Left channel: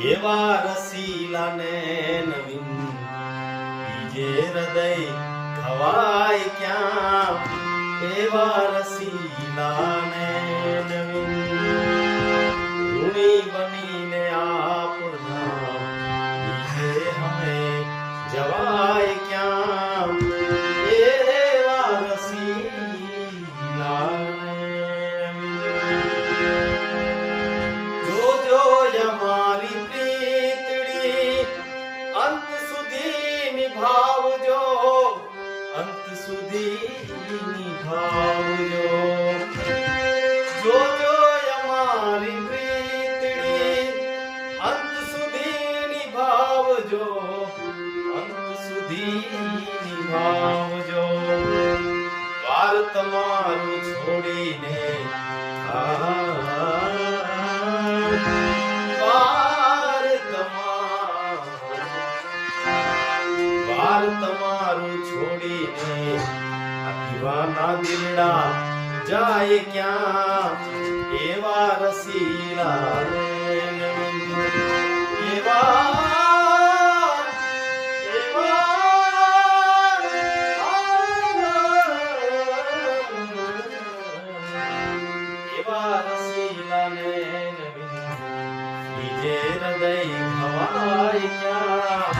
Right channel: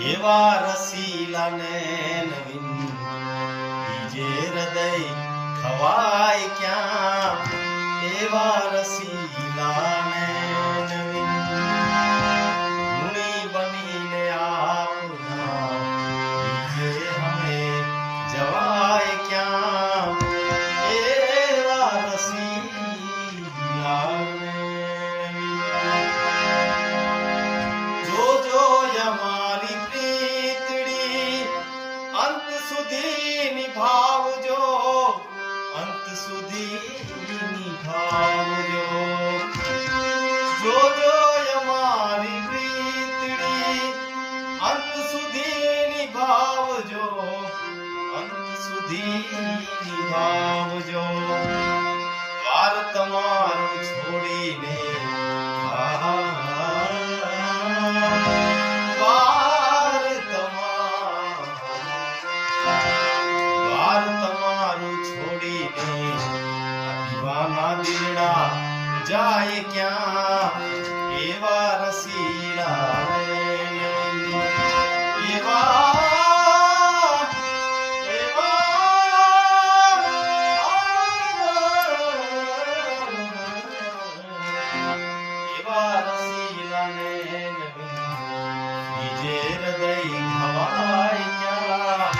એવા રસીલાને નવીન બીજે હૃદય ખવાય ક્યાં એવા રસીલાને નવીન ઋણી બનીને આપના બીજે હમે જવાય ક્યાં એવા રસીલાને જોજો અમારી પ્રીતડી અંત સુધી નિભાવજો અંત સુધી નિભાવજો જોજો અમારી પ્રીતડી અંત સુધી નિભાવજો અંત સુધી નિભાવજો દ્વાર તમારું છોડીને તમારું છોડીને દીવાના દિલડા જાય ક્યાં એવા રસીલા એવા રસીલાને બીજે હૃદય ખવાય ક્યાં